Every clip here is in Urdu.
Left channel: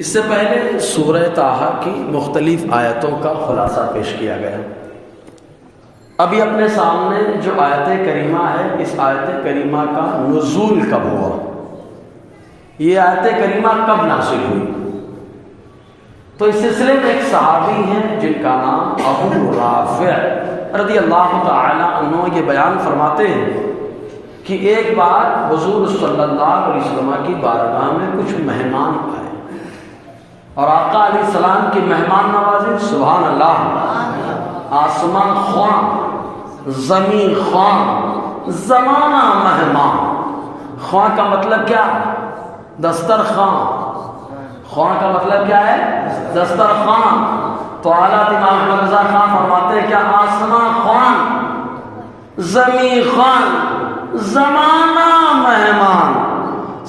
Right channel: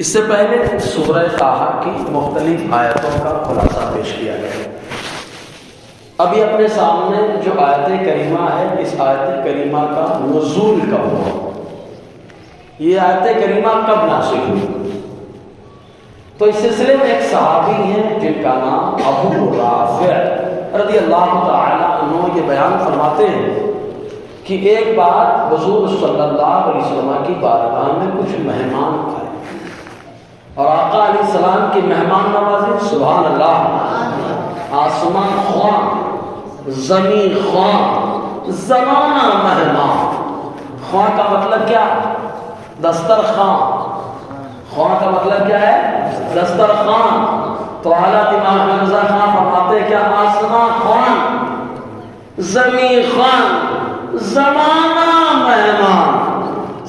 اس سے پہلے سورہ طٰہٰ کی مختلف آیتوں کا خلاصہ پیش کیا گیا ہے۔ ابھی اپنے سامنے جو آیت کریمہ ہے، اس آیت کریمہ کا نزول کب ہوا، یہ آیت کریمہ کب نازل ہوئی؟ تو اس سلسلے میں ایک صحابی ہیں جن کا نام ابو رافع رضی اللہ تعالی عنہ یہ بیان فرماتے ہیں کہ ایک بار حضور صلی اللہ علیہ وسلم کی بارگاہ میں کچھ مہمان آئے اور آقا علیہ السلام کی مہمان نوازی، سبحان اللہ، آسمان خواں، زمین خواں، زمانہ مہمان۔ خواں کا مطلب کیا؟ دسترخوان۔ خواں کا مطلب کیا ہے؟ دسترخوان۔ تو حضرت امام حمزہ خان فرماتے کیا؟ آسمان خواں، زمین خواں، زمانہ مہمان۔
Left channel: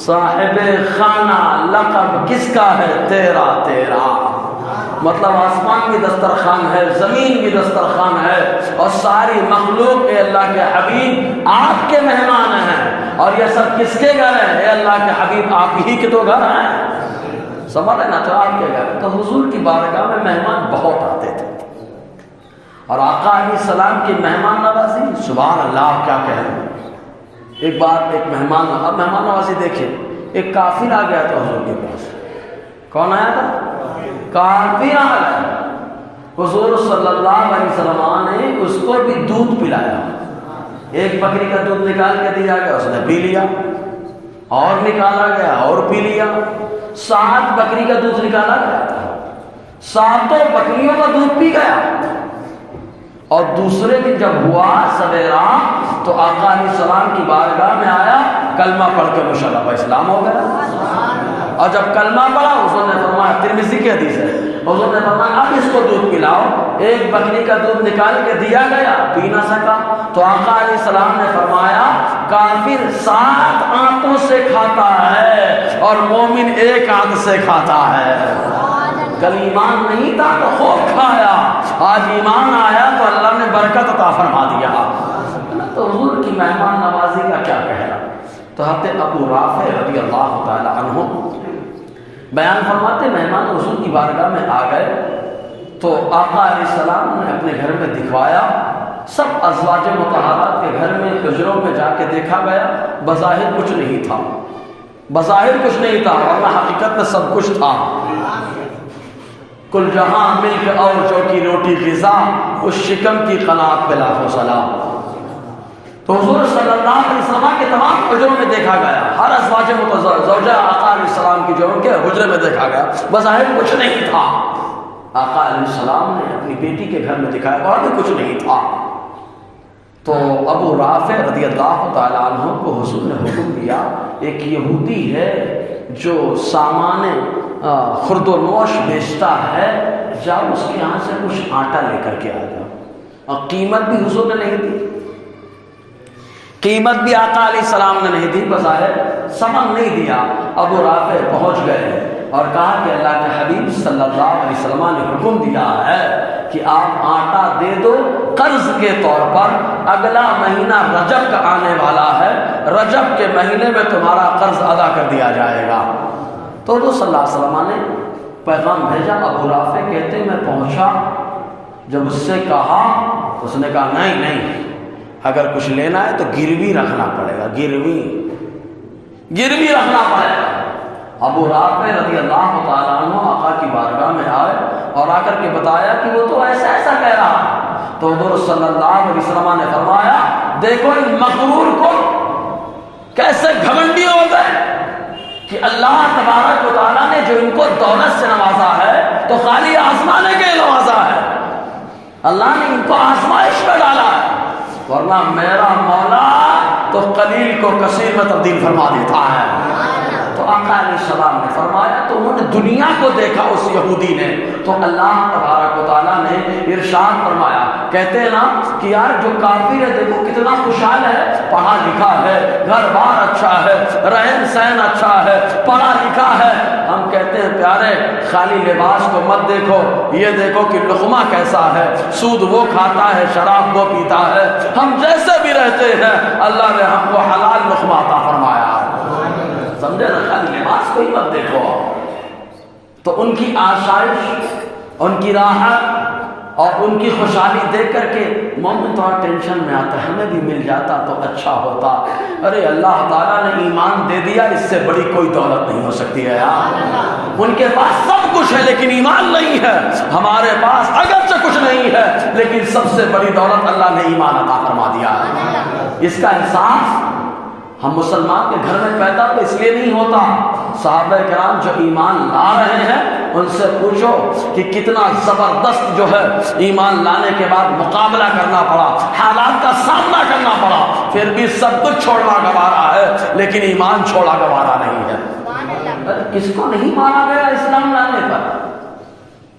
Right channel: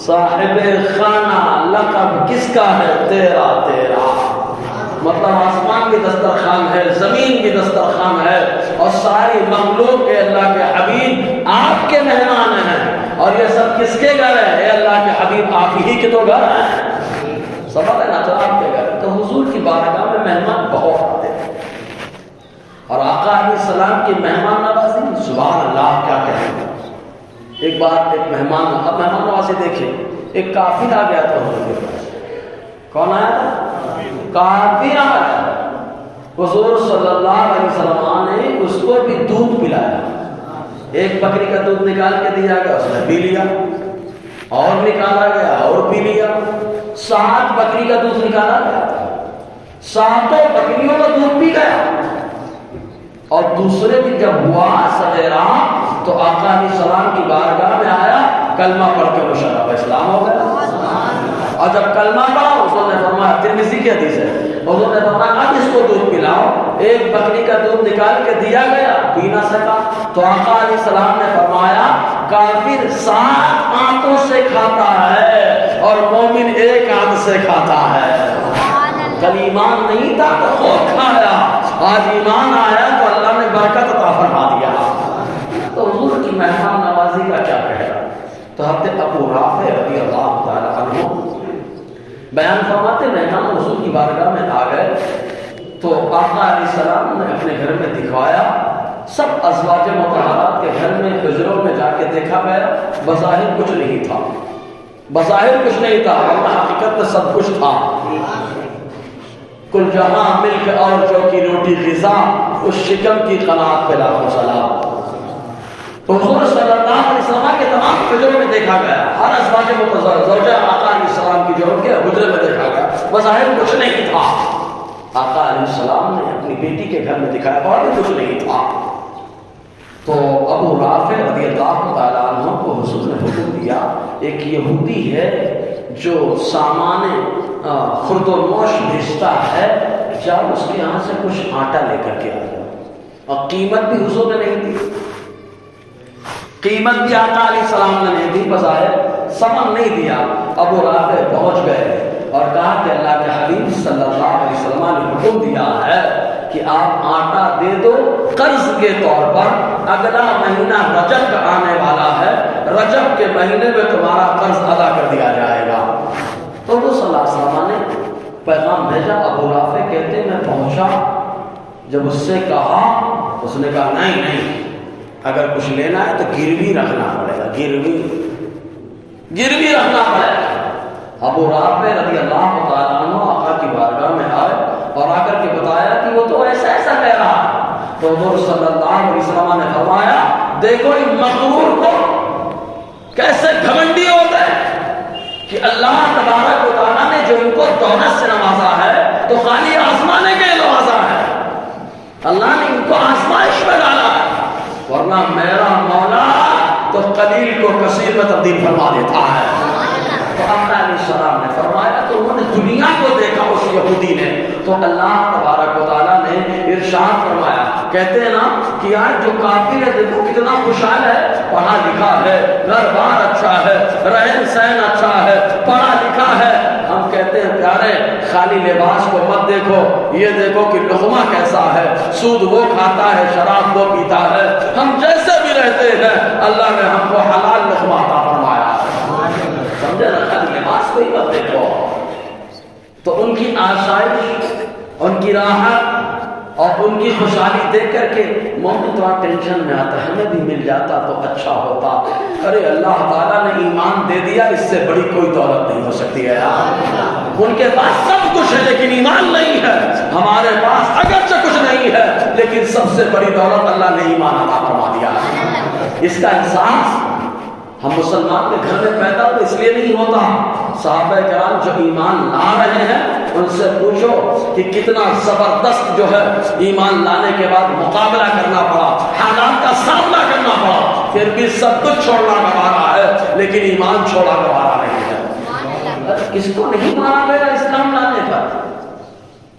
صاحب خانہ لقب کس کا ہے؟ تیرا تیرا۔ مطلب آسمان کی دسترخوان ہے، زمین کی دسترخوان ہے، اور ساری مخلوق کے اللہ کے حبیب آپ کے مہمان ہیں، اور یہ سب کس کے گھر ہے؟ اے اللہ کے حبیب آپ ہی کے تو گھر ہیں، سمجھ نا، تو آپ کے گھر۔ تو حضور کی بارگاہ میں مہمان بہت آتے تھے، اور آقا علیہ السلام کی مہمان نوازی، سبحان اللہ، کیا کہیں۔ ایک بار ایک مہمان، اب مہمان نوازی دیکھیں، ایک کافر آ گیا تھا حضور کے پاس۔ کون آیا تھا؟ کافر آیا۔ حضور صلی اللہ علیہ وسلم نے اس کو بھی دودھ پلایا، ایک بکری کا دودھ نکال کے دیا گیا، اس نے پی لیا، اور نکالا گیا اور پی لیا۔ 7 بکری کا دودھ نکالا گیا تھا، 7 بکریوں کا دودھ پی گیا۔ اور دوسرے دن جب ہوا سویرا تو آقا علیہ السلام کی بارگاہ میں آیا، کلمہ پڑھ کے مشرف اسلام ہو گیا۔ اور جب کلمہ پڑھا، حضور نے فرمایا، ترمذی کی حدیث ہے، حضور نے فرمایا اب اس کو دودھ پلاؤ۔ ایک بکری کا دودھ نکال کے دیا گیا، پی نہ سکا، تو آقا علیہ السلام نے فرمایا کافر 7 آنتوں سے کھاتا ہے اور مومن 1 آنت سے کھاتا ہے۔ کل ایمان نہیں تھا تو خود کھایا، آج ایمان آیا تو اللہ نے برکت عطا فرما دیا۔ تو حضور کی مہمان نوازی کا کیا کہنا۔ تو حضرت ابو رافع رضی اللہ تعالی عنہ بیان فرماتے، مہمان حضور کی بارگاہ میں آ گئے تو آقا علیہ السلام نے اپنے گھر میں دکھوایا۔ سب ازواج مطہرات کے گھر میں حجروں میں جا کے دیکھا گیا، بظاہر کچھ نہیں تھا، بظاہر کچھ نہیں تھا، ورنہ حقیقت میں سب کچھ تھا۔ کل جہاں ملک اور جو کی روٹی غذا، اس شکم کی قناعت پہ لاکھوں سلام۔ تو حضور صلی اللہ علیہ وسلم کے تمام حجروں میں دیکھا گیا، ہر ازواج زوجہ آقا علیہ السلام کی جو کے حجرے میں دیکھا گیا، بظاہر کچھ نہیں تھا۔ آقا علیہ السلام نے اپنی بیٹی کے گھر میں دکھایا اور بھی کچھ نہیں تھا۔ تو ابو رافع رضی اللہ تعالیٰ عنہ کو حضور نے حکم دیا، ایک یہودی ہے جو سامان خرد و نوش بیچتا ہے، جب اس کے یہاں سے کچھ آٹا لے کر کے آیا، اور قیمت بھی حضور نے نہیں دی، قیمت بھی آقا علیہ السلام نے نہیں دی، بظاہر سمن نہیں دیا۔ ابو رافع پہنچ گئے اور کہا کہ اللہ کے حبیب صلی اللہ علیہ وسلم نے حکم دیا ہے کہ آپ آٹا دے دو قرض کے طور پر، اگلا مہینہ رجب کا آنے والا ہے، رجب کے مہینے میں تمہارا قرض ادا کر دیا جائے گا۔ تو وہ صلی اللہ علیہ وسلم نے پیغام بھیجا۔ ابو رافع کہتے میں پہنچا، جب اس سے کہا، اس نے کہا نہیں نہیں، اگر کچھ لینا ہے تو گروی رکھنا پڑے گا، گروی رکھنا پڑے گا۔ ابو رافع رضی اللہ تعالیٰ عنہ آقا کی بارگاہ میں آئے اور آ کر کے بتایا کہ وہ تو ایسا ایسا کہہ رہا۔ تو حضور صلی اللہ علیہ وسلم نے فرمایا دیکھو ان مغرور کو کیسے گھمنڈی ہوتا ہے کہ اللہ تبارک و تعالیٰ نے جو ان کو دولت سے نوازا ہے تو خالی آزمانے کے نوازا ہے، اللہ نے ان کو آزمائش میں ڈالا، ورنہ میرا مولا تو قلیل کو کثیر میں تبدیل فرما دیتا ہے۔ تو آقا علیہ السلام نے فرمایا، تو انہوں نے دنیا کو دیکھا اس یہودی نے، تو اللہ تبارک و تعالیٰ نے ارشاد فرمایا، کہتے ہیں نا کہ یار جو کافر ہے دیکھو کتنا خوشحال ہے، پڑھا لکھا ہے، گھر بار اچھا ہے، رہن سہن اچھا ہے، پڑھا لکھا ہے۔ ہم کہتے ہیں پیارے خالی لباس کو مت دیکھو، یہ دیکھو کہ لقمہ کیسا ہے، سود وہ کھاتا ہے، شراب وہ پیتا ہے، ہم جیسے بھی رہتے ہیں اللہ نے ہم کو حلال لقمہ عطا فرمایا، سمجھے نا، خالی لباس کو ہی مت دیکھو۔ تو ان کی آسائش، ان کی راحت اور ان کی خوشحالی دیکھ کر کے مومن تھوڑا ٹینشن میں آتا ہے، ہمیں بھی مل جاتا تو اچھا ہوتا۔ ارے اللہ تعالیٰ نے ایمان دے دیا، اس سے بڑی کوئی دولت نہیں ہو سکتی ہے۔ ان کے پاس سب کچھ ہے لیکن ایمان نہیں ہے، ہمارے پاس اگرچہ کچھ نہیں ہے لیکن سب سے بڑی دولت اللہ نے ایمان عطا فرما دیا۔ اس کا احساس ہم مسلمان کے گھر میں پیدا تو اس لیے نہیں ہوتا۔ صحابہ کرام جو ایمان لا رہے ہیں ان سے پوچھو کہ کتنا زبردست جو ہے ایمان لانے کے بعد مقابلہ کرنا پڑا، حالات کا سامنا کرنا پڑا، پھر بھی سب کچھ چھوڑنا گوارا ہے لیکن ایمان چھوڑا گوارا نہیں ہے۔ کس کو نہیں مارا گیا اسلام لانے پر؟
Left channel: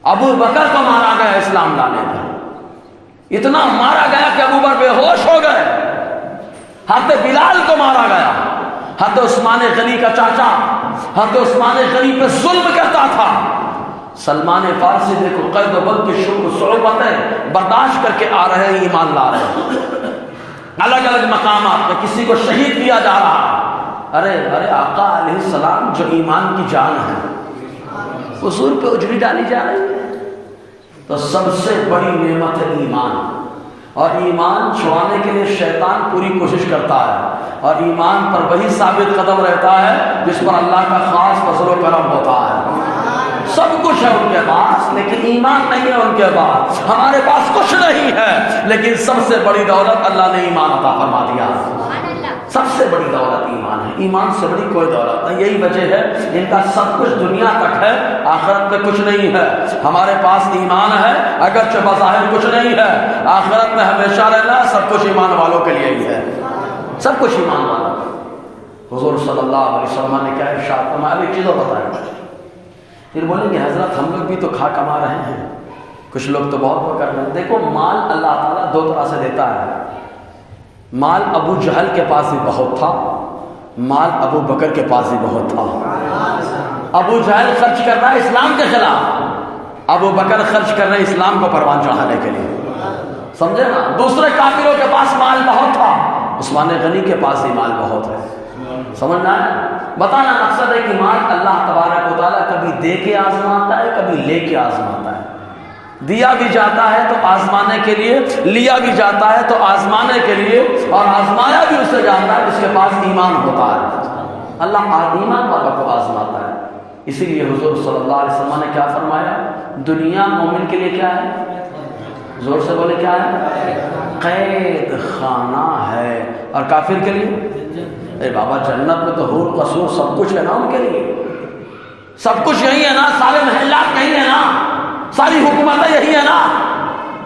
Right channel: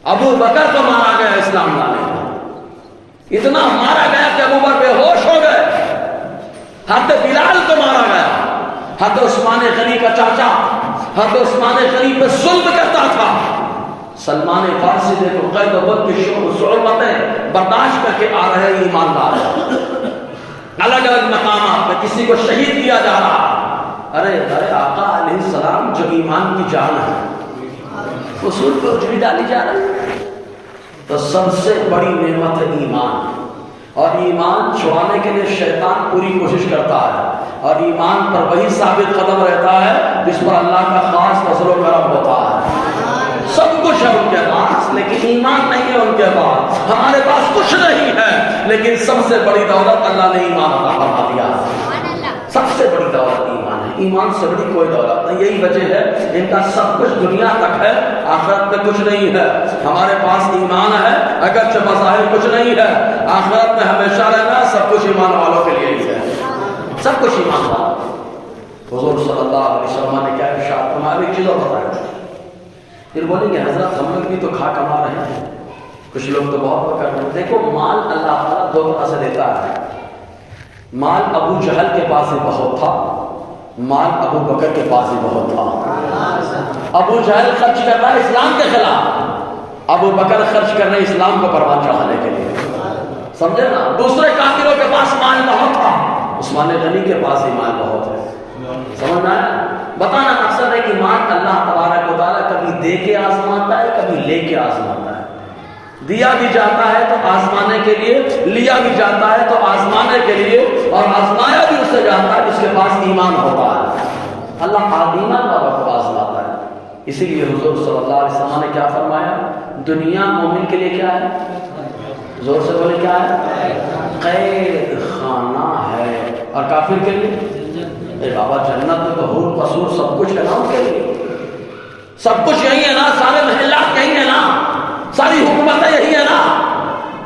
ابو بکر کو مارا گیا اسلام لانے پر، اتنا مارا گیا کہ ابو بکر بے ہوش ہو گئے۔ حضرت بلال کو مارا گیا، حضرت عثمان غنی کا چاچا حضرت عثمان غنی پہ ظلم کرتا تھا۔ سلمان فارسی دیکھو قید و بند کی صعوبتیں برداشت کر کے آ رہے ہیں، ایمان لا رہے ہیں، الگ الگ مقامات پہ کسی کو شہید کیا جا رہا۔ ارے آقا علیہ السلام جو ایمان کی جان ہے اصول پہ اجڑی ڈالی جا رہی ہے۔ تو سب سے بڑی نعمت ہے ایمان، اور ایمان چھوڑانے کے لیے شیطان پوری کوشش کرتا ہے، اور ایمان پر وہی ثابت قدم رہتا ہے جس پر اللہ کا خاص فضل و کرم ہوتا ہے۔ سب کچھ ہے ان کے پاس لیکن ایمان نہیں ہے ان کے پاس، ہمارے پاس کچھ نہیں ہے لیکن سب سے بڑی دولت اللہ نے ایمان عطا فرما دیا۔ سب سے بڑی دولت ایمان ہے، ایمان سے بڑی کوئی دولت نہیں۔ یہی وجہ ہے ان کا سب کچھ دنیا تک ہے، آخرت میں کچھ نہیں ہے۔ ہمارے پاس ایمان ہے اگرچہ بظاہر کچھ نہیں ہے، آخرت میں ہمیشہ رہنا سب کچھ ایمان والوں کے لیے ہی ہے، سب کچھ ایمان والوں۔ حضور صلی اللہ علیہ وسلم نے کیا ارشاد فرمایا، ایک چیز اور بتایا، پھر بولیں گے حضرت ہم لوگ بھی تو کھا کما رہے ہیں، کچھ لوگ تو بہت کر رہے ہیں۔ دیکھو مال اللہ تعالیٰ دو طرح سے دیتا ہے، مال ابو جہل کے پاس بھی بہت تھا، مال ابو بکر کے پاس بھی بہت تھا۔ ابو جہل خرچ کر رہا ہے اسلام کے خلاف، ابو بکر خرچ کر رہے ہیں اسلام کو پروان چڑھانے کے لیے، سمجھے نا۔ دوسرے کافروں کے پاس مال بہت تھا، عثمان غنی کے پاس بھی مال بہت ہے، سمجھنا ہے۔ بتانا مقصد ہے کہ مال اللہ تبارک و تعالیٰ کبھی دے کے آزماتا ہے، کبھی لے کے آزماتا ہے۔ دیا بھی جاتا ہے تو آزمانے کے لیے، لیا بھی جاتا ہے تو آزمانے کے لیے، اور آزمانا بھی اس سے جاتا ہے جس کے پاس ایمان ہوتا ہے۔ اللہ ایمان والوں کو آزماتا ہے۔ اسی لیے حضور صلی اللہ علیہ وسلم نے کیا فرمایا، دنیا مومن کے لیے کیا ہے، زور سے بولے کیا ہے، قید خانہ ہے، اور کافر کے لیے اے بابا جنت میں تو حور قصور سب کچھ ہے نا، ان کے لیے سب کچھ یہی ہے نا، سارے محلات یہی ہے نا، ساری حکومتیں یہی ہے نا،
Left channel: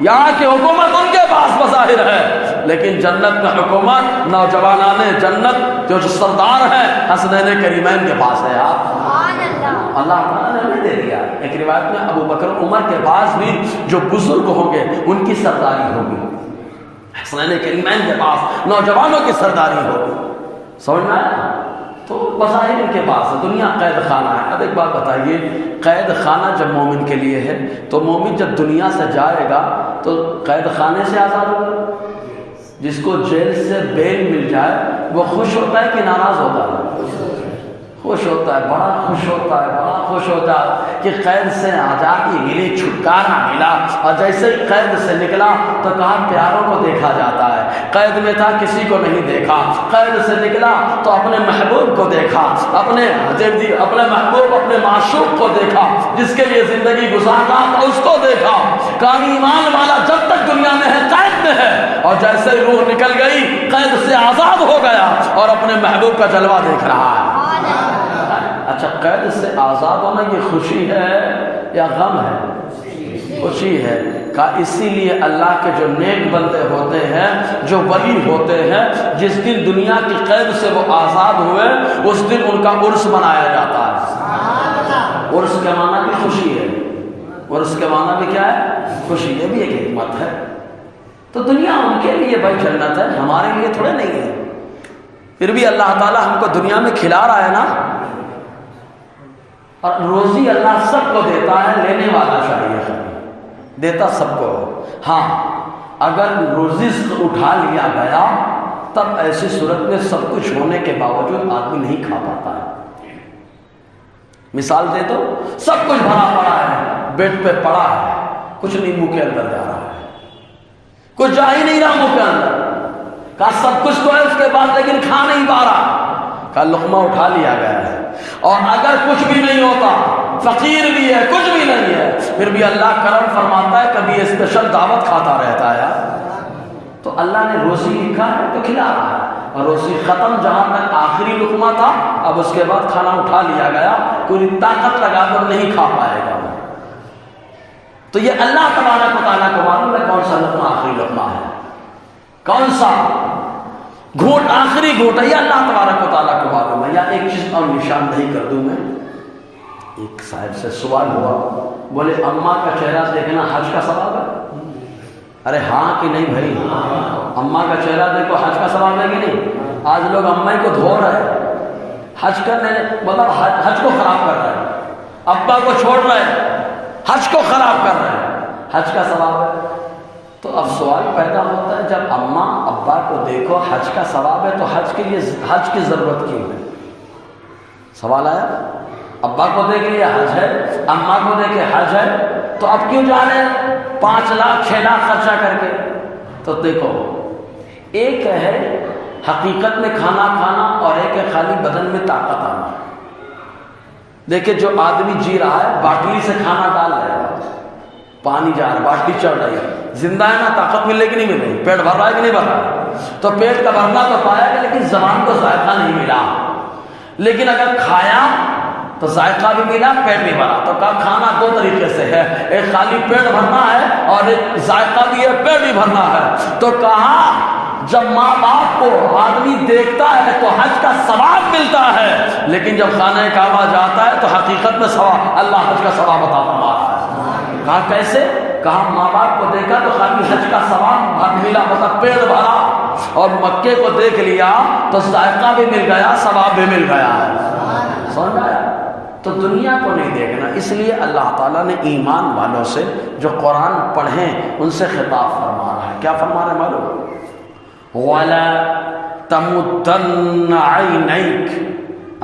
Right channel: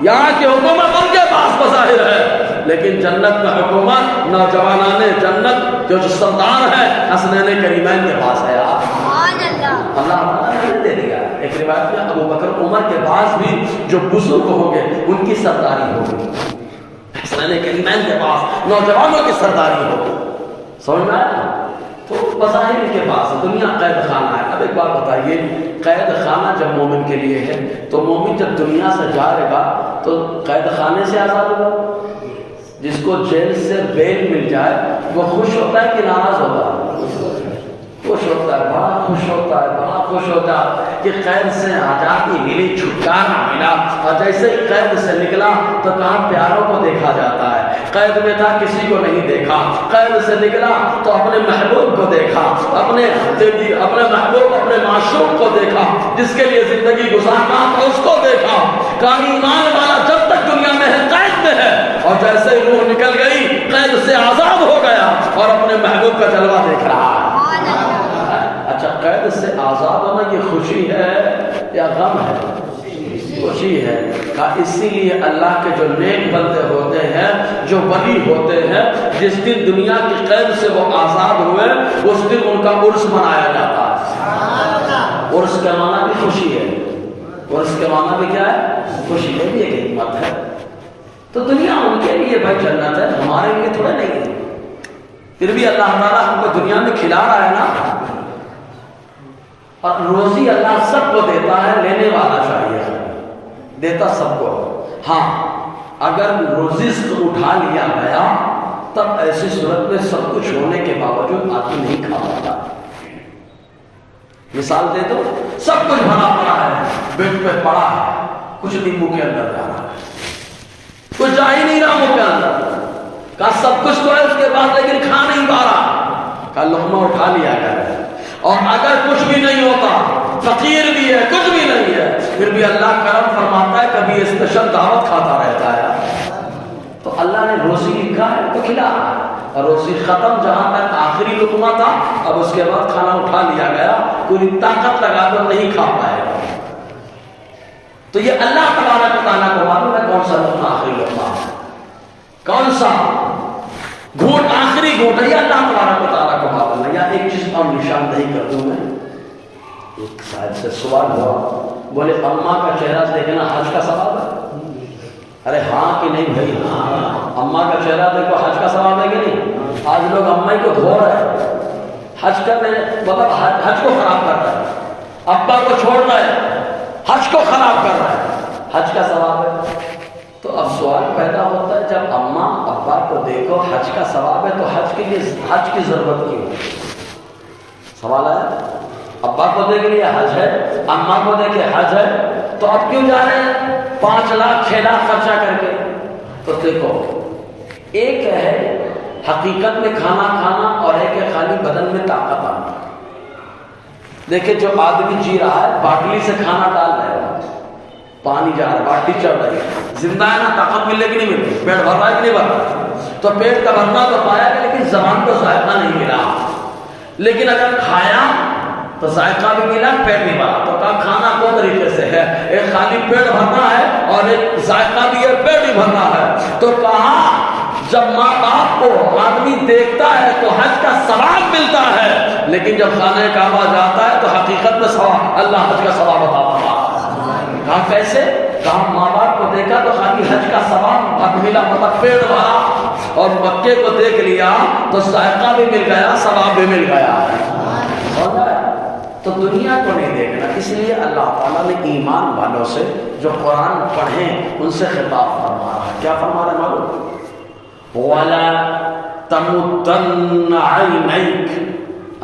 یہاں کی حکومت ان کے پاس بظاہر ہے لیکن جنت میں حکومت نوجوانان جنت جو سردار ہیں حسنین کریمین کے پاس ہے۔ اللہ تعالیٰ نے دے دیا۔ ایک روایت میں ابو بکر عمر کے پاس بھی جو بزرگ ہوں گے ان کی سرداری ہوگی، حسنین کریمین کے پاس نوجوانوں کی سرداری ہوگی، سمجھنا ہے۔ تو بظاہر ان کے پاس دنیا قید خانہ ہے۔ اب ایک بات بتائیے، قید خانہ جب مومن کے لیے ہے تو مومن جب دنیا سے جائے گا تو قید خانے سے آزاد ہوگا؟ جس کو جیل سے بیل مل جائے وہ خوش ہوتا ہے کہ ناراض ہوتا ہے؟ خوش ہوتا ہے، بڑا خوش ہوتا ہے، بڑا خوش ہوتا ہے کہ قید سے آزادی ملی، چھٹکارا ملا۔ اور جیسے قید سے نکلا تو کہاں پیاروں کو دیکھا جاتا ہے، قید میں تھا کسی کو نہیں دیکھا، قید سے نکلا تو اپنے محبوب کو دیکھا، اپنے محبوب اپنے معشوق کو دیکھا، جس کے لیے زندگی گزارنا اس کو دیکھا۔ کہیں ایمان والا جب تک دنیا میں ہے قید میں ہے، اور جیسے روح نکل گئی قید سے آزاد ہو گیا اور اپنے محبوب کا جلوہ دیکھ رہا ہے۔ اچھا، قید سے آزاد ہونا یہ خوشی ہے یا غم ہے؟ خوشی ہے۔ اسی لیے اللہ کے جو نیک بندے ہوتے ہیں، جو ولی ہوتے ہیں، جس دن دنیا کی قید سے وہ آزاد ہوئے اس دن ان کا عرس منایا جاتا ہے۔ عرس کے معنی بھی خوشی ہے، عرس کے معنی بھی کیا ہے، خوشی۔ یہ بھی ایک حکمت ہے۔ تو دنیا ان کے لیے بھائی جنت ہے، ہمارے لیے تھوڑے نہیں ہے۔ پھر بھی اللہ تعالیٰ ہم کو دنیا میں کھلا رہا ہے نا، اور روزی اللہ سب کو دیتا ہے، لینے والا چاہیے، دیتا سب کو۔ ہاں اگر رزق اٹھا لیا گیا تب ایسی صورت میں سب کچھ ہونے کے باوجود آدمی نہیں کھا پاتا۔ مثال دے دو، سب کچھ بھرا پڑا ہے، بیڈ پہ پڑا ہے، کچھ نہیں منہ کے اندر جا رہا ہے، کچھ جا ہی نہیں رہا منہ کے اندر، کہا سب کچھ تو ہے اس کے بعد لیکن کھا نہیں پا رہا، کہا لقمہ اٹھا لیا گیا، اور اگر کچھ بھی نہیں ہوتا، فقیر بھی ہے، کچھ بھی نہیں ہے، پھر بھی اللہ کرم فرماتا ہے کبھی اسپیشل دعوت کھاتا رہتا ہے، تو اللہ نے روزی لکھا ہے تو کھلا، اور روزی ختم، جہاں تک آخری لقمہ تھا، اب اس کے بعد کھانا اٹھا لیا گیا، پوری طاقت لگا کر نہیں کھا پائے گا، تو یہ اللہ تبارک و تعالیٰ کو معلوم ہے کون سا لقمہ آخری لقمہ ہے، کون سا گھونٹ آخری گھونٹ ہے، یہ اللہ تبارک و تعالیٰ کو معلوم ہے۔ یا ایک چیز اور نشان نہیں کر دوں میں، ایک صاحب سے سوال ہوا، بولے اماں کا چہرہ دیکھنا حج کا ثواب ہے؟ ارے ہاں کہ نہیں بھائی، اماں کا چہرہ دیکھو حج کا ثواب ہے کہ نہیں؟ آج لوگ اماں کو دھو رہے ہیں، حج کرنے مطلب حج کو خراب کر رہے ہیں، ابا کو چھوڑ رہے ہیں، حج کو خراب کر رہے ہیں، حج کا ثواب ہے؟ تو اب سوال پیدا ہوتا ہے جب اماں ابا کو دیکھو حج کا ثواب ہے تو حج کے لیے حج کی ضرورت کیوں ہے؟ سوال ہے، ابا کو دیکھ لیا حج ہے، اماں کو دیکھے حج ہے، تو اب کیوں جا رہے ہیں 5 لاکھ 6 لاکھ خرچہ کر کے؟ تو دیکھو ایک ہے حقیقت میں کھانا کھانا اور ایک ہے خالی بدن میں طاقت آنا۔ دیکھیں جو آدمی جی رہا ہے باٹلی سے کھانا ڈال رہا ہے، پانی جا رہا ہے، باٹلی چڑھ رہی ہے، زندہ ہے نا، طاقت ملے کہ نہیں ملے، پیٹ بھر رہا ہے کہ نہیں بھر رہا، تو پیٹ کا بھرنا تو پایا ہے لیکن زبان کو ذائقہ نہیں ملا، لیکن اگر کھایا تو ذائقہ بھی ملا، پیٹ بھی بھرا، تو کہا کھانا 2 طریقے سے ہے، ایک خالی پیٹ بھرنا ہے اور ایک ذائقہ بھی ہے، پیٹ بھی بھرنا ہے، تو کہا جب ماں باپ کو آدمی دیکھتا ہے تو حج کا ثواب ملتا ہے، لیکن جب خانہ کعبہ جاتا ہے تو حقیقت میں ثواب اللہ حج کا ثواب عطا فرماتا ہے۔ کہا کیسے؟ کہا ماں باپ کو دیکھا تو خالی حج کا ثواب اب ملا، مطلب پیٹ بھرا، اور مکے کو دیکھ لیا تو ذائقہ بھی مل گیا، ثواب بھی مل گیا، سمجھ آیا؟ تو دنیا کو نہیں دیکھنا، اس لیے اللہ تعالیٰ نے ایمان والوں سے جو قرآن پڑھیں ان سے خطاب فرما رہا ہے، کیا فرما رہا ہے معلوم؟ وَلَا تَمُدَّنَّ عَيْنَيْكَ،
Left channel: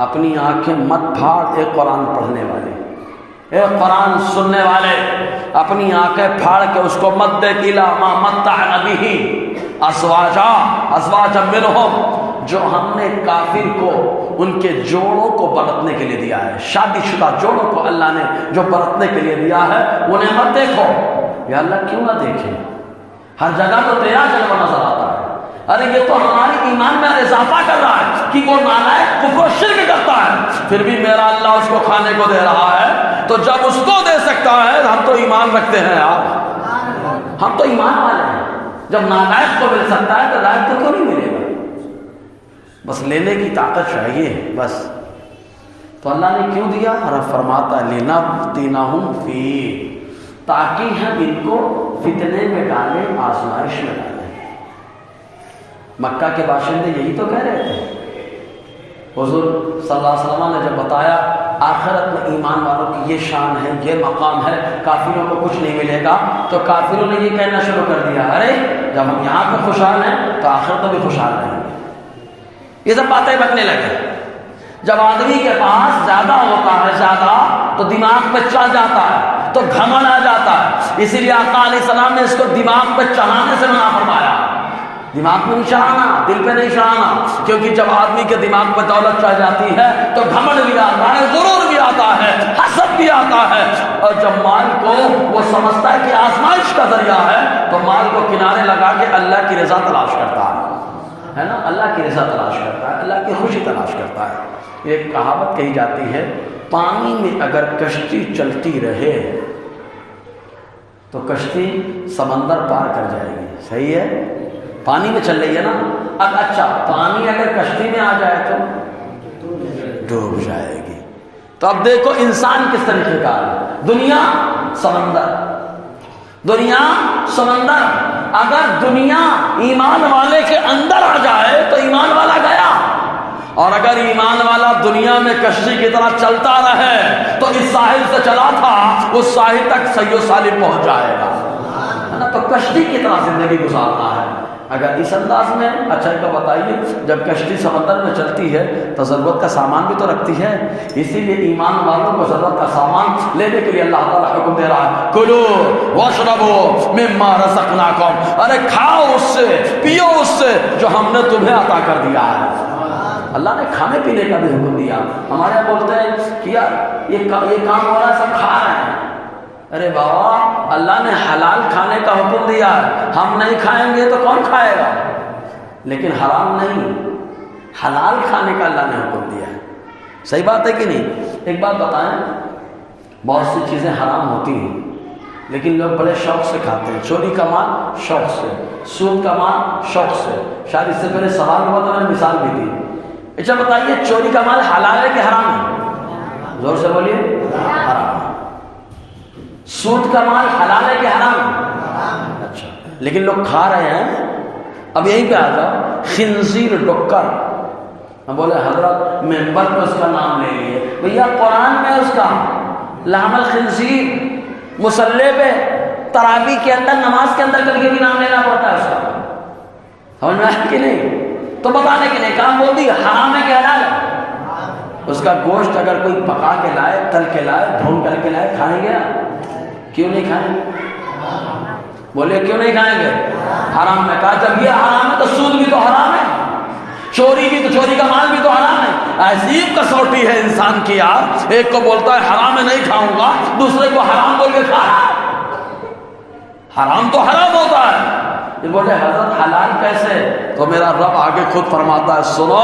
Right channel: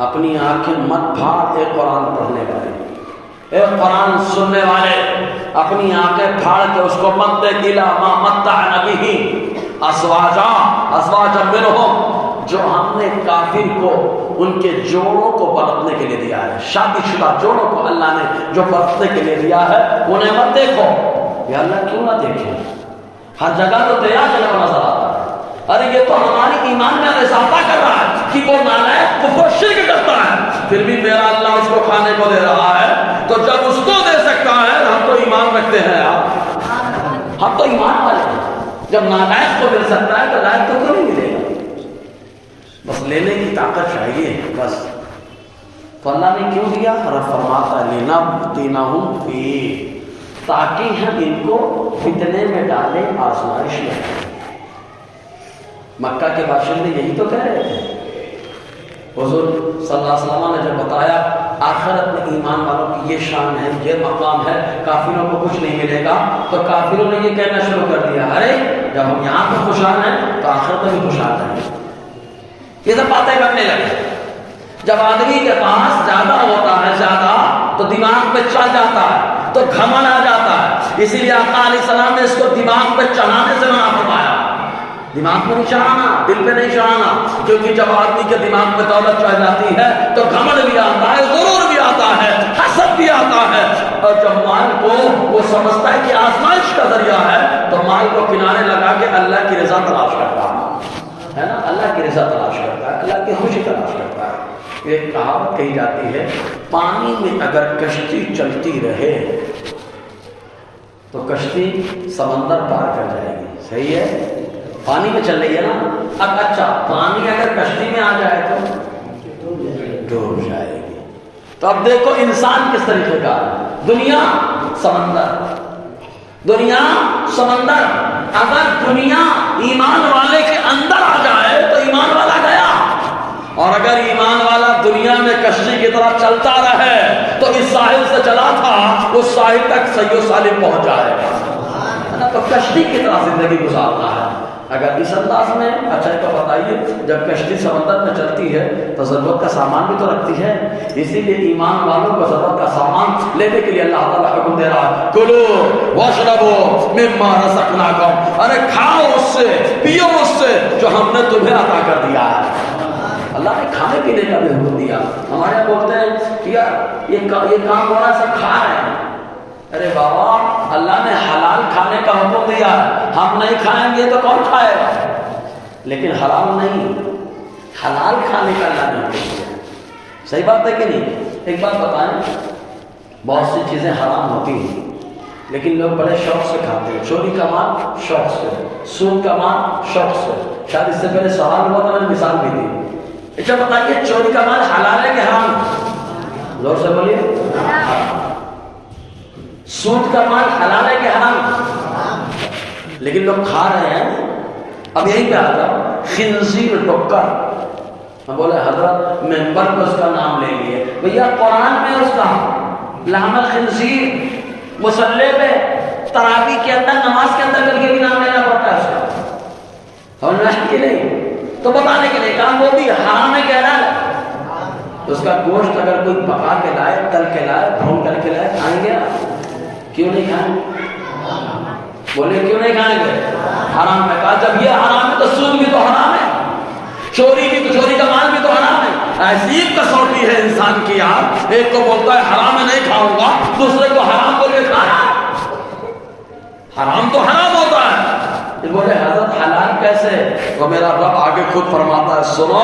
اپنی آنکھیں مت پھاڑ، ایک قرآن پڑھنے والے، ایک قرآن سننے والے، اپنی آنکھیں پھاڑ کے اس کو مت دیکھ، إِلَىٰ مَا مَتَّعْنَا بِهِ أَزْوَاجًا مِّنْهُمْ، جو ہم نے کافر کو ان کے جوڑوں کو برتنے کے لیے دیا ہے، شادی شدہ جوڑوں کو اللہ نے جو برتنے کے لیے دیا ہے انہیں مت دیکھو۔ یا اللہ کیوں نہ دیکھیں؟ ہر جگہ تو تیرا کیا نظر آتا ہے، ارے یہ تو ہماری ایمان میں اضافہ کر رہا ہے کہ وہ نالائق کفر و شرک کرتا ہے، پھر بھی میرا اللہ اس کو کھانے کو دے رہا ہے، تو جب اس کو دے سکتا ہے ہم تو ایمان رکھتے ہیں یار، ہم تو ایمان والے ہیں، جب نالائق کو مل سکتا ہے تو لائق کو کیوں نہیں ملے گا؟ بس لینے کی طاقت چاہیے بس، تو اللہ نے کیوں دیا؟ فرماتا ہے لِنَفْتِنَهُمْ فِيهِ، تاکہ ہم ان کو فتنے میں ڈالیں، آزمائش میں ڈالیں۔ مکہ کے باشندے یہی تو کہہ رہے تھے، حضور صلی اللہ علیہ وسلم نے جب بتایا آخرت میں ایمان والوں کی یہ شان ہے، یہ مقام ہے، کافروں کو کچھ نہیں ملے گا، تو کافروں نے یہ کہنا شروع کر دیا ارے جب ہم یہاں پہ خوشحال ہیں تو آخرت میں بھی خوشحال رہیں، یہ سب باتیں کرنے لگے۔ جب آدمی کے پاس زیادہ ہوتا ہے، زیادہ تو دماغ پہ چڑھ جاتا ہے، تو گھمنڈ آ جاتا ہے، اسی لیے آقا علیہ السلام نے اس کو دماغ پہ چڑھانے سے منع فرمایا، دماغ پہ نہیں چڑھانا، دل پہ نہیں چڑھانا، کیونکہ جب آدمی کے دماغ پہ دولت چڑھ جاتی ہے تو گھمنڈ بھی آتا ہے، غرور بھی آتا ہے، حسد بھی آتا ہے، اور جب مال کو وہ سمجھتا ہے کہ آزمائش کا ذریعہ ہے تو مال کو کنارے لگا کے اللہ کی رضا تلاش کرتا ہے نا، اللہ کی رضا تلاش کرتا ہے، اللہ کی خوشی تلاش کرتا ہے۔ ایک کہاوت کہی جاتی ہے، پانی میں اگر کشتی چلتی رہے تو کشتی سمندر پار کر جائے گی، صحیح ہے؟ پانی میں چل رہی ہے نا، اچھا پانی اگر کشتی میں آ جائے تو ڈوب جائے گی۔ تو اب دیکھو انسان کس طریقے کا ہے، دنیا سمندر، دنیا سمندر، اگر دنیا ایمان والے کے اندر آ جائے تو ایمان والا گیا، اور اگر ایمان والا دنیا میں کشتی کی طرح چلتا رہے تو اس ساحل سے چلا تھا اس ساحل تک صحیح و سالم پہنچ جائے گا، تو کشتی کی طرح زندگی گزارنا ہے۔ اگر اس انداز میں اچھا تو بتائیے، جب کشتی سمندر میں چلتی ہے تو ضرورت کا سامان بھی تو رکھتی ہے، اسی لیے ایمان والوں کو ضرورت کا سامان لینے کے لیے اللہ تعالیٰ حکم دے رہا ہے، کلو واشربو مما رزقناکم، ارے کھاؤ اس سے، پیو اس سے جو ہم نے تمہیں عطا کر دیا ہے۔ اللہ نے کھانے پینے کا بھی حکم دیا۔ ہمارے بولتے ہیں کہ یار یہ کام ہو رہا ہے، سب کھا رہے ہیں، ارے بابا اللہ نے حلال کھانے کا حکم دیا، ہم نہیں کھائیں گے تو کون کھائے گا؟ لیکن حرام نہیں، حلال کھانے کا اللہ نے حکم دیا ہے۔ صحیح بات ہے کہ نہیں؟ ایک بات بتائیں، بہت سی چیزیں حرام ہوتی ہیں لیکن لوگ بڑے شوق سے کھاتے ہیں۔ چوری کا مال شوق سے، سود کا مال شوق سے۔ شاید اس سے پہلے سوال ہوا تو میں نے مثال بھی دی۔ اچھا بتائیے، چوری کا مال حلال ہے کہ حرام؟ زور سے بولیے۔ سود کا مال حلال ہے کہ حرام؟ لیکن لوگ کھا رہے ہیں۔ اب یہیں پہ آ جاؤ، خنزیر ڈکر، میں بولے حضرت ممبر پہ اس کا نام لے لیے، بھیا قرآن میں اس کا لحم الخنزیر، مصلی پہ تراویح کے اندر نماز کے اندر کر کے بھی نام لینا پڑتا ہے اس کا، اور نہیں کہ نہیں تو بتانے کے لیے کام بول دی حرام میں کہہ رہا ہے۔ اس کا گوشت اگر کوئی پکا کے لائے، تل کے لائے، بھون کر کے لائے، کھائیں گے؟ کیوں نہیں کھائیں گے؟ بولے کیوں نہیں کھائیں گے؟ حرام میں کہا، جب یہ حرام ہے تو سود بھی تو حرام ہے، چوری بھی تو، چوری کا مال بھی تو حرام ہے۔ ایسی کسوٹی ہے انسان کی یار، ایک کو بولتا ہے حرام میں نہیں کھاؤں گا، دوسرے کو حرام بول کے کھا رہا۔ حرام تو حرام ہوتا ہے۔ یہ بولے حضرت حلال کیسے؟ تو میرا رب آگے خود فرماتا ہے، سنو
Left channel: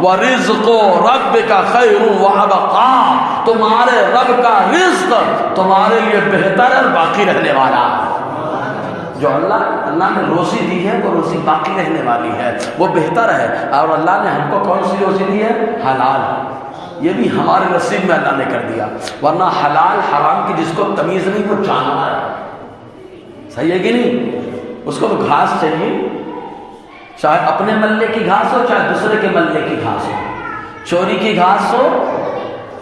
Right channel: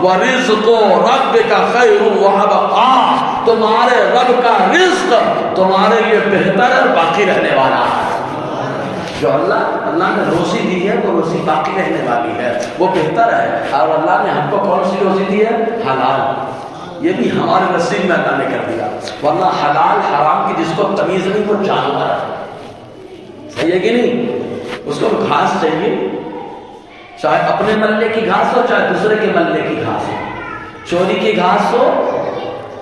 وَرِزْقُ رَبِّكَ خَيْرٌ وَأَبْقَىٰ، تمہارے رب کا رزق تمہارے لیے بہتر اور باقی رہنے والا ہے۔ جو اللہ نے روزی دی ہے وہ روزی باقی رہنے والی ہے، وہ بہتر ہے۔ اور اللہ نے ہم کو کون سی روزی دی ہے؟ حلال۔ یہ بھی ہمارے نصیب میں اللہ نے کر دیا، ورنہ حلال حرام کی جس کو تمیز نہیں وہ جانور ہے۔ صحیح ہے کہ نہیں؟ اس کو گھاس چاہیے، چاہے اپنے ملے کی گھاس ہو چاہے دوسرے کے ملے کی گھاس ہو، چوری کی گھاس ہو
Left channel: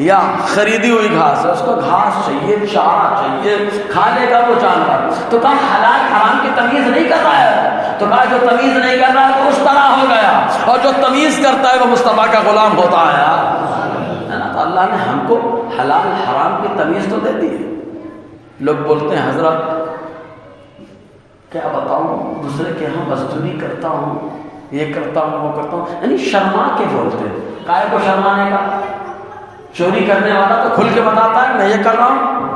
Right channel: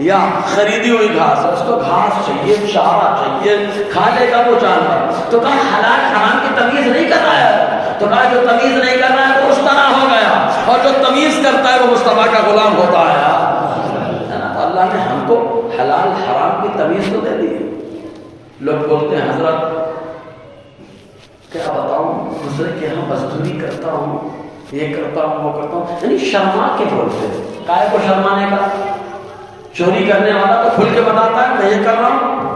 یا خریدی ہوئی گھاس، اس کو گھاس چاہیے، چارہ چاہیے، کھانے کا وہ جانور۔ تو کہا حلال حرام کی تمیز نہیں کر رہا ہے، تو کہا جو تمیز نہیں کر رہا ہے وہ مصطفیٰ ہو گیا، اور جو تمیز کرتا ہے وہ مصطفیٰ کا غلام ہوتا ہے۔ تو اللہ نے ہم کو حلال حرام کی تمیز تو دے دی ہے۔ لوگ بولتے ہیں حضرت کیا بتاؤں، دوسرے کے یہاں مزدوری کرتا ہوں، یہ کرتا ہوں، وہ کرتا ہوں، یعنی شرما کے بولتے ہیں۔ کائے کو شرمانے کا؟ چوری کرنے والا تو کھل کے بتاتا ہے میں یہ کر رہا ہوں،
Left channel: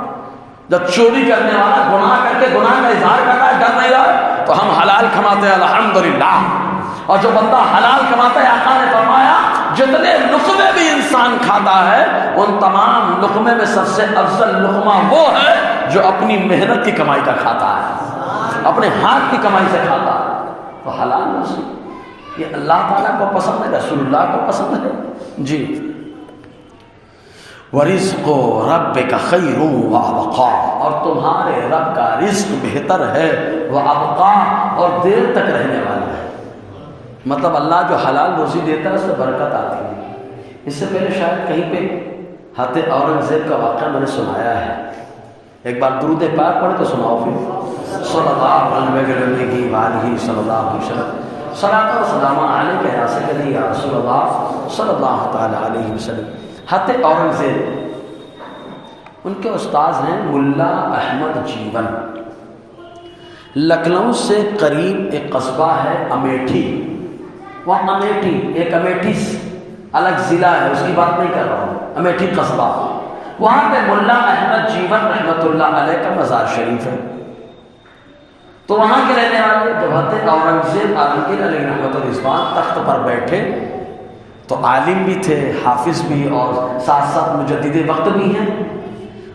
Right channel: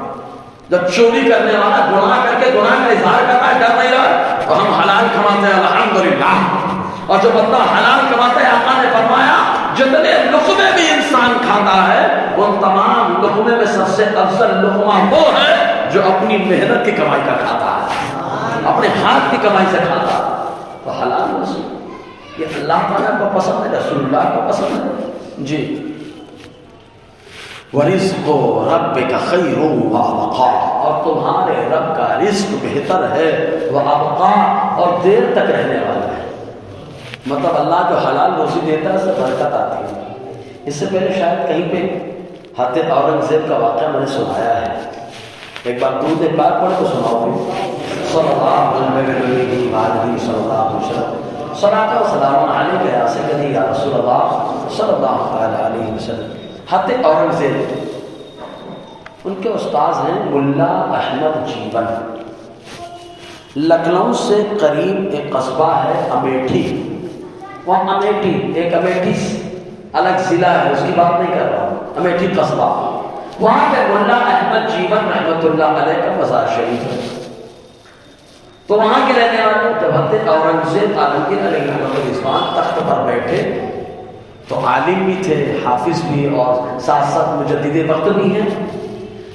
جب چوری کرنے والا گناہ کر کے گناہ کا اظہار کرتا ہے کہتا ہے یار تو ہم حلال کماتے ہیں الحمدللہ، اور جو بندہ حلال کماتا ہے آقا نے فرمایا جتنے لقمے بھی انسان کھاتا ہے ان تمام لقمے میں سب سے افضل لقمہ وہ ہے جو اپنی محنت کی کمائی کا کھاتا ہے، اپنے ہاتھ کی کمائی سے کھاتا ہے۔ تو حلال رزق یہ اللہ تعالیٰ کو پسند ہے، رسول اللہ کو پسند ہے۔ جی وَرِزْقُ رَبِّكَ خَيْرٌ وَأَبْقَىٰ، اور تمہارے رب کا رزق بہتر ہے، وَأَبْقَىٰ، اور دیر تک رہنے والا ہے۔ مطلب اللہ جو حلال روزی دیتا ہے اس سے برکت آتی ہے۔ اس سے پہلے شاید کہیں پہ حضرت اورنگزیب کا واقعہ میں نے سنایا ہے، ایک بار درود پاک پڑھ تو سناؤ گے، صلی اللہ علیہ وآلہ صلی اللہ علیہ وسلم، صلاۃ و سلام علیک یا سیدی یا رسول اللہ صلی اللہ تعالی علیہ وسلم۔ حضرت اورنگزیب، ان کے استاذ ہیں ملا احمد جیون۔ لکھنؤ سے قریب ایک قصبہ ہے امیٹھی، وہ امیٹھی ایک امیٹھی الگ ضلع ہے، اس کی بات نہیں کر رہا ہوں، امیٹھی قصبہ، وہاں پہ ملا احمد جیون رحمۃ اللہ علیہ کا مزار شریف ہے۔ تو وہاں کے رہنے والے جب حضرت اورنگزیب عالمگیر علیہ الرحمٰن تخت پر بیٹھے تو عالم بھی تھے، حافظ بھی، اور ساتھ ساتھ مجدد وقت بھی ہیں،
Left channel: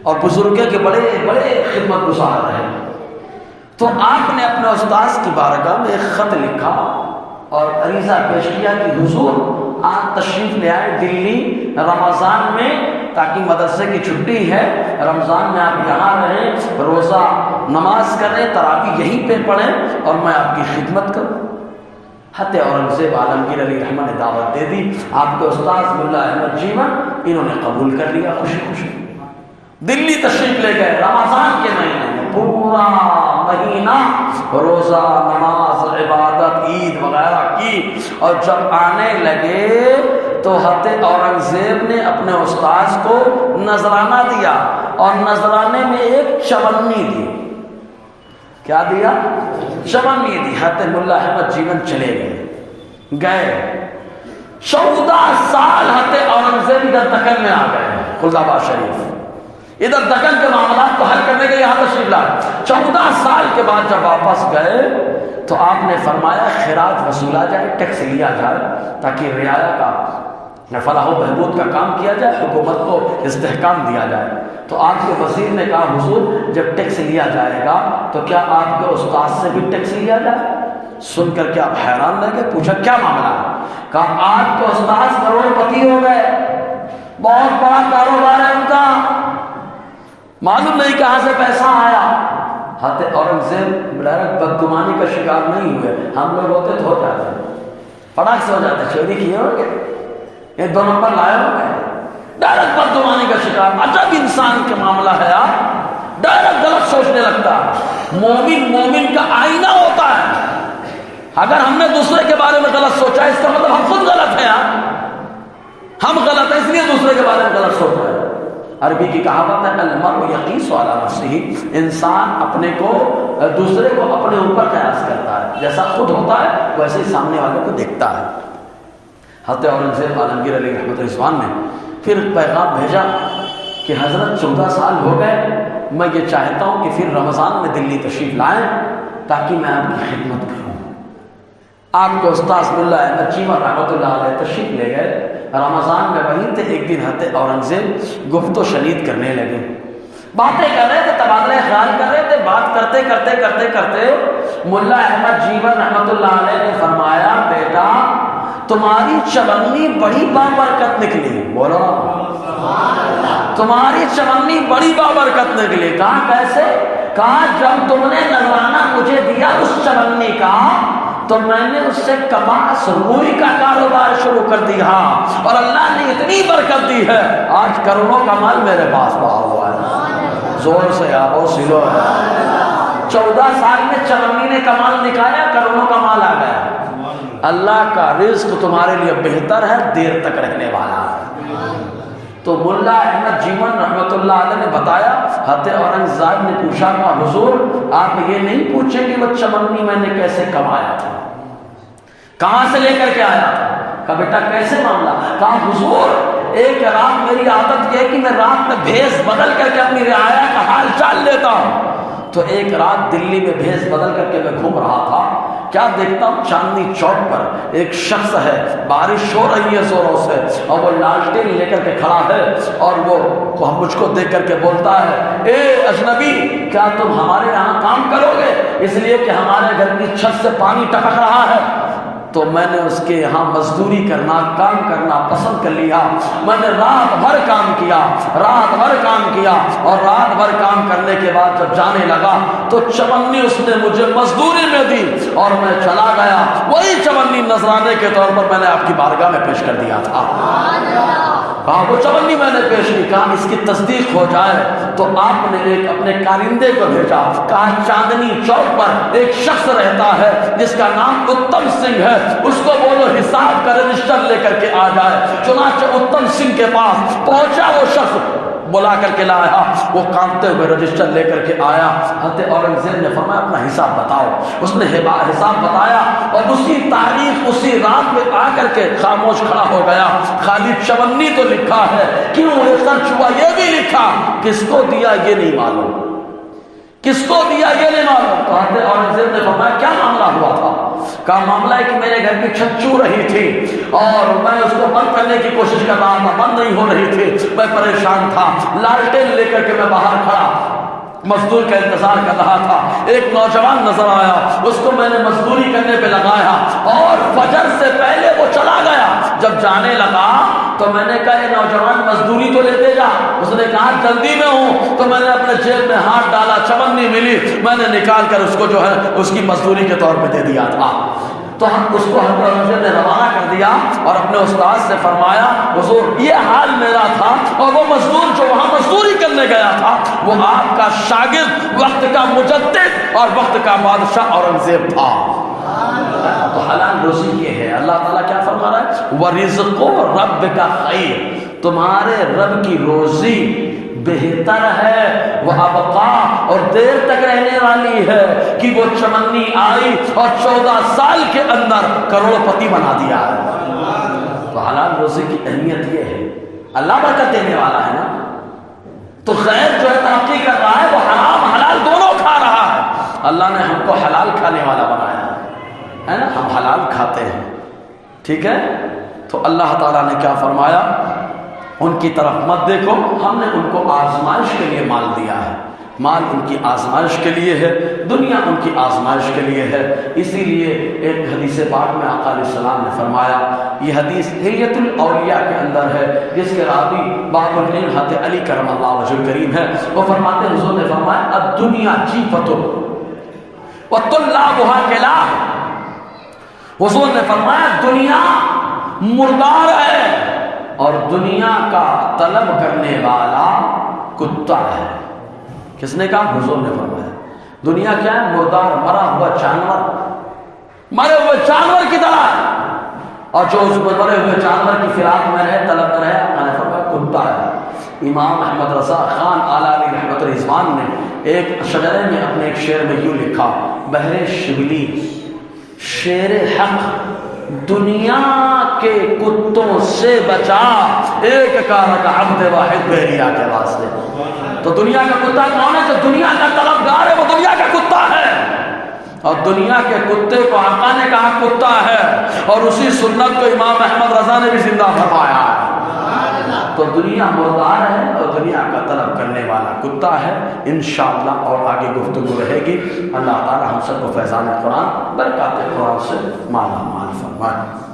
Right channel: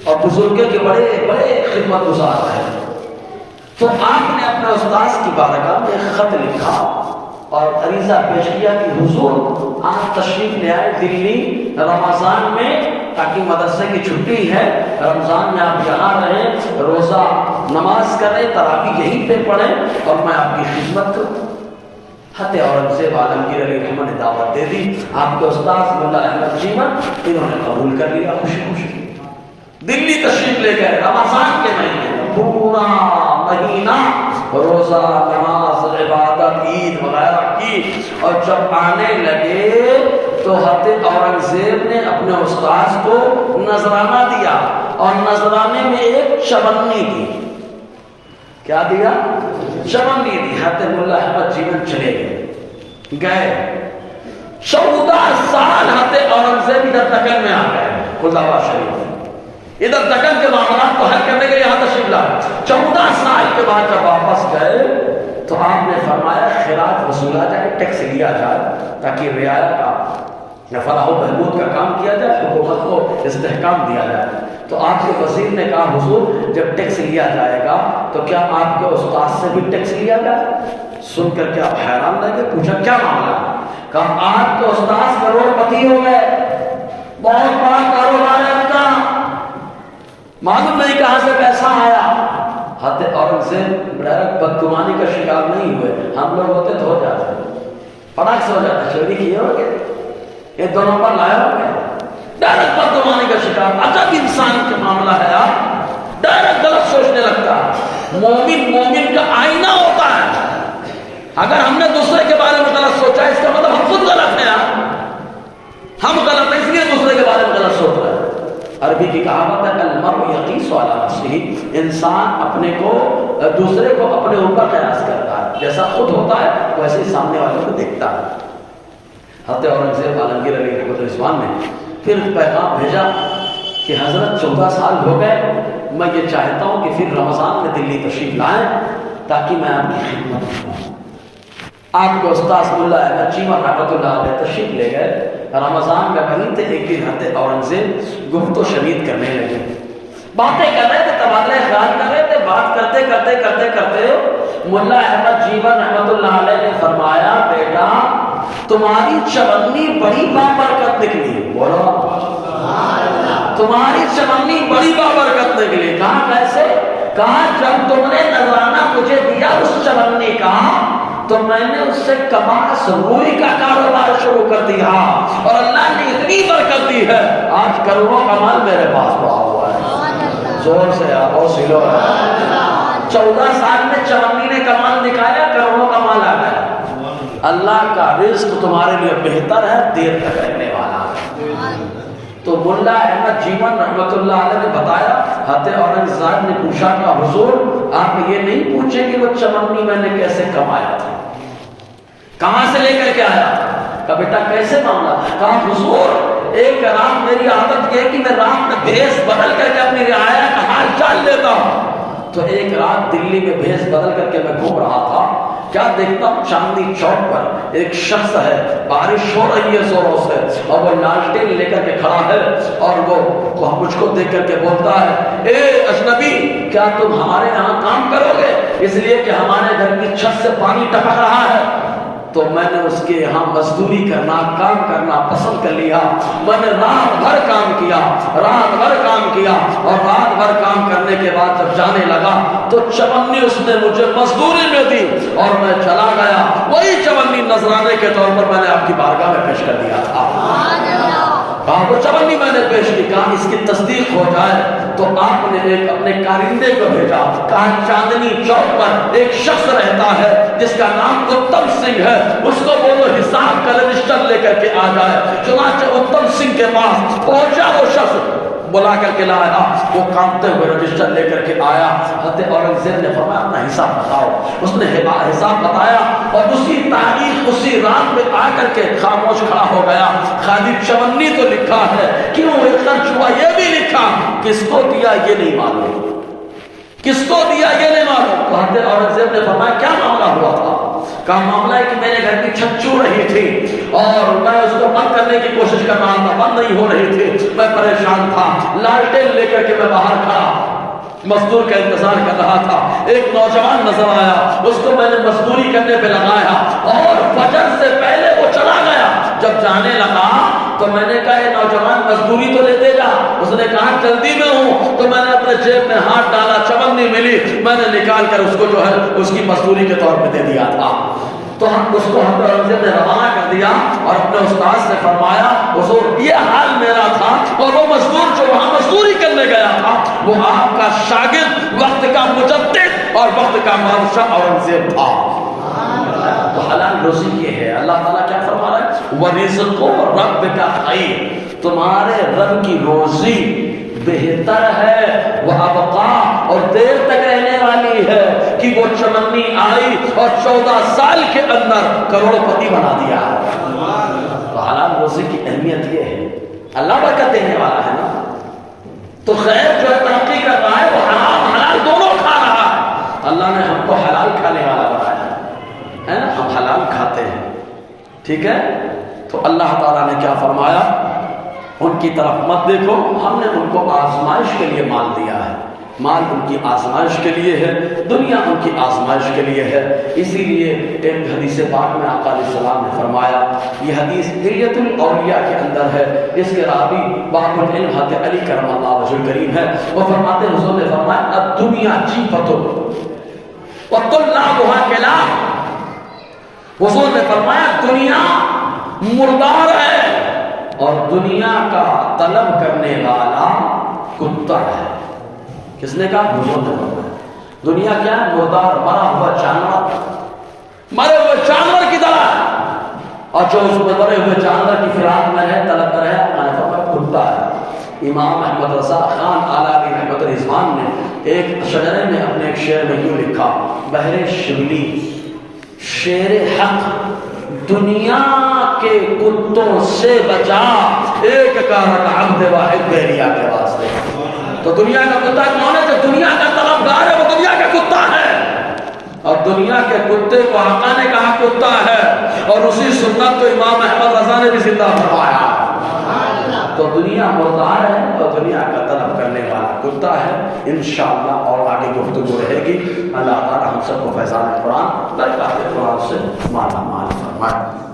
اور بزرگوں کے بڑے بڑے خدمت گزار ہیں۔ تو آپ نے اپنے استاذ کی بارگاہ میں ایک خط لکھا اور عریضہ پیش کیا کہ حضور آپ تشریف لے آئے دلی رمضان میں، تاکہ مدرسے کی چھٹی ہے، رمضان میں آپ یہاں رہیں، روزہ نماز کریں، تراویح یہیں پہ پڑھیں، اور میں آپ کی خدمت کروں۔ حضرت اورنگزیب عالمگیر علیہ الرحمٰن نے دعوت دے دی، آپ کے استاذ ملا احمد جیون انہوں نے قبول کر لیا، خوشی خوشی دلی تشریف لے گئے۔ رمضان کے مہینے پورا مہینہ روزہ نماز عبادت عید وغیرہ کی، اور جب آنے لگے تو حضرت اورنگزیب نے اپنے استاذ کو نذرانہ دیا، اور نذرانے میں ایک چونی دی۔ کیا دیا؟ چونی دی۔ حضرت ملا احمد جیون چلے گئے 14 سال حضرت اورنگزیب ادھر دکن میں آ گئے، خلدآباد شریف ادھر دکن کے معاملات کو حل کرنے کے لیے یہاں تشریف لائے۔ 14 سال کے بعد جب واپس گئے تو آپ نے فرمایا خراج وصولا جائے، ٹیکس لیا جائے تاکہ رعایا کا یا فلاح و بہبود کا کام کیا جائے، حکومت کو استحکام دیا جائے۔ تو آپ کے وزیر نے کہا حضور جب ٹیکس لیا جائے گا تو کیا آپ کے استاد سے بھی ٹیکس لیا جائے؟ سن کر کے آپ حیران رہ گئے، پوچھا کیا معاملہ؟ کہا آپ کے استاد کروڑ پتی ہو گئے، بہت بڑا کاروبار ہے ان کا، معلوم نہیں کہاں سے پیسہ آیا۔ حضرت اورنگزیب بدگمانی کا شکار نہیں ہوئے، ہم لوگ ہوتے تو ہو جاتے، فٹاک سے ہو جاتے، چوری کیے ہو گئے، یہ دو نمبر لائے ہو گئے، ڈائریکٹ بدگمانی کا شکار۔ عجب انسان کا معاملہ ہے، ڈائریکٹ غلط سوچنے لگتا ہے۔ مومن کا آئینہ ہوتا ہے، اگر ہم نے دوسرے کے بارے میں غلط سوچا اس کا مطلب ہم خود غلط ہیں، ہم غلط ہیں اس لیے دوسرے کے بارے میں غلط سوچ رہے ہیں۔ عربی کی کہاوت ہے المرء یقیس علی نفسہ، انسان اپنے کو دوسرے کو اپنے اوپر قیاس کرتا ہے، جیسا خود ہوتا ہے ویسے ہی سامنے والے کو دیکھتا ہے۔ حضرت اورنگزیب عالمگیر علیہ رحمۃ اللہ نے پھر پیغام بھیجا کہ حضرت 14 سال ہو گئے، میں یہ چاہتا ہوں کہ پھر رمضان میں دلی تشریف لائیں تاکہ میں آپ کی خدمت کروں۔ آپ کو استاذ ملا احمد جیون رحمۃ اللہ علیہ تشریف لے گئے، رمضان میں وہیں تھے۔ ایک دن حضرت اورنگزیب گفت و شنید کرنے لگے، باتیں کر رہے تھے، تبادلہ خیال کر رہے تھے، بات کرتے کرتے کرتے کرتے ملا احمد جیون رحمۃ اللہ علیہ نے فرمایا بیٹا تمہاری چونی بڑی بابرکت نکلی، بولو تمہاری چونی بڑی بابرکت نکلی۔ کہا کیسے؟ کہا جب تم نے نذرانہ مجھے دیا اس چونی کا تو میں نے اس سے کباس روئی کا کاروبار شروع کر دیا، اور اللہ نے اتنی برکت دی ہے آج کروڑوں کا مال میرے پاس پڑا ہوا ہے۔ زور سے آؤ سلو۔ 14 سال میں چونی نے کمال دکھایا، کروڑوں کا مال آ گیا۔ اللہ کا رزق تمہارے لیے بہتر ہے، دیر تک رہنے والا۔ تو ملا احمد جیون رحمۃ اللہ علیہ نے بتایا، حضرت اورنگزیب نے پوچھا کہ حضور آپ یہ نہیں پوچھیں کہ وہ چونی میں نے کیسے کمایا تھا، کہاں سے لے کر کے آیا تھا؟ کہا بیٹا کیسے معاملہ؟ کہا حضور ایک رات میری عادت یہ کہ میں رات میں بھیس بدل کر کے اپنی رعایا کا حال جان لیتا ہوں۔ تو ایک رات دلی میں بھیس بدل کر کے میں گھوم رہا تھا، کیا دیکھتا ہوں چاندنی چوک پر ایک شخص ہے، بارش ہو رہی ہے زوروں سے، اور وہ لالٹین لے کر کے کھڑا ہے، اور وہ مجھ کو دیکھ کر کے بولتا ہے اے اجنبی کیا تم ہمارے یہاں کام کرو گے؟ اس لیے کہ ہمارے گھر کی چھت سے پانی ٹپک رہا ہے۔ تو میں نے اس کے یہاں مزدوری کرنا، کام کرنا پسند کر لیا۔ میں نے رات بھر کام کیا، اور رات بھر کام کرنے کے بعد جب جانے لگا تو چونی اس نے مجھے مزدوری میں دی اور میں چلا گیا۔ وہی چونی نذرانے کے طور پر میں نے آپ کی بارگاہ میں پیش کر دیا تھا۔ وہ چونی میں نے پیش کی، کہا اس کی تصدیق ہو جائے تو آپ نے ایک اپنے کارندے کو بھیجا، کہا چاندنی چوک پر ایک شخص رہتا ہے جس کا نام اتم سنگھ ہے، اس کو بولو حساب کا رجسٹر لے کر کے آ جائے۔ چنانچہ اتم سنگھ کے پاس پہنچا، وہ شخص بلا کر کے لایا، وہ کانپتے ہوئے رجسٹر لے کر کے آیا۔ حضرت اورنگزیب نے فرمایا اپنا حساب بتاؤ۔ اس نے حساب بتایا، اور اسی تاریخ اسی رات میں آ کر کے خاموش کھڑا ہو گیا۔ خالی چونی تو لکھا ہے، کیوں خرچ ہوا یہ بھی لکھا، کس کو دیا یہ نہیں معلوم، کس کو دیا یہ نہیں معلوم۔ تو حضرت اورنگزیب نے فرمایا کیا معاملہ ہوا تھا؟ کہا معاملہ ہے کہ میرے گھر کی چھت چو رہی تھی اور میں اس کو بند کرنے کی کوشش کر رہا تھا، بند نہیں ہو رہی تھی، میں پریشان تھا، لالٹین لے کر کے میں باہر کھڑا مزدور کا انتظار کر رہا تھا۔ ایک نوجوان نظر آیا، اس کو میں نے مزدوری کرنے پہ لگایا اور فجر سے پہلے وہ چلا گیا۔ جب جانے لگا تو میں نے کہا یہ نوجوان مزدوری تو لیتے جا۔ اس نے کہا جلدی میں ہوں، تو میں نے اپنے جیب میں ہاتھ ڈالا، چونی ملی، میں نے نکال کر اس کو جو ہے اس کی مزدوری کے طور پہ دے دیا تھا۔ تو ہم اس کو حضرت نے روانہ کر دیا اور اپنے استاد سے فرمایا حضور یہ حال میرا تھا، اور وہ مزدور جو وہاں مزدوری کرنے گیا تھا وہ آپ کا شاگرد، وقت کا مجدد اور وقت کا بادشاہ اورنگزیب تھا۔ تو روزی یہ ہے. اللہ تعالیٰ کیا فرما رہا ہے؟ وَرِزْقُ رَبِّكَ خَيْرٌ، تمہارے رب کی روزی بہتر ہے، وَأَبْقَىٰ، اور دیر تک رہنے والی ہے، کہ وہ چمنی آئی اور 14 سال کے اندر کروڑ پتی بنا دیا. تو حلال روزی کی اہمیت یہ ہے. اللہ برکت دینے والا ہے نا. تو خیر جو ہے ترقی کر رہا ہے وہ حرام حلال دونوں کھا رہا ہے. اللہ نے ہم کو حلال کھانے والا بنایا ہے نا، ہم حلال کھاتے ہیں. ٹھیک ہے. تو اللہ تعالیٰ نے کیا فرمایا؟ ان کی طرف مت دیکھو، ہم نے ان کو آزمائش کے لیے مال دیا ہے. مال ان کی آزمائش کے لیے ہے، دنیا ان کی آزمائش کے لیے ہے. اسی لیے ایک حدیث پاک میں آقا علیہ السلام نے فرمایا، یہ حدیث حلیۃ الاولیاء کے اندر ہے، جس کے راوی باب العلم حضرت علی کرم اللہ وجہ الکریم ہے. وہ فرماتے ہیں، حضور نے فرمایا الدنیا جیفۃ وطلعها کلاب. حضور نے فرمایا دنیا مردار ہے اور دنیا کا طلب کرنے والا کتا ہے. کس نے کہا؟ حضور نے فرمایا. دنیا کیا ہے؟ مردار، مرا ہوا جانور، مرے ہوئے جانور کی طرح. اور جو اس مرے ہوئے جانور کی فراق میں رہے، طلب میں رہے، میں نے فرمایا کتا ہے. امام احمد رضا خان آلاری رحمت رضوان نے ایک شجرے میں اپنے ایک شعر میں یوں لکھا، بحر شبلی شیر حق دنیا کے کتوں سے بچا، ایک کارک عبد واحد بحریہ کے واسطے. تو دنیا کا کتا کون ہے؟ جو دنیا کا طلبگار ہے، وہ دنیا کا کتا ہے. اور دنیا کے کتے کو آقا نے کہا کتا ہے، اور اسی سنت کو امام احمد رضا نے بھی زندہ فرمایا. تو دنیا مردار ہے اور دنیا کا طلب کرنے والا کتا ہے. انشاءاللہ اور آگے گفتگو رہے گی. اللہ تعالی ہم سب کو فیضان قرآن برکات قرآن سے مالا مال فرمائے.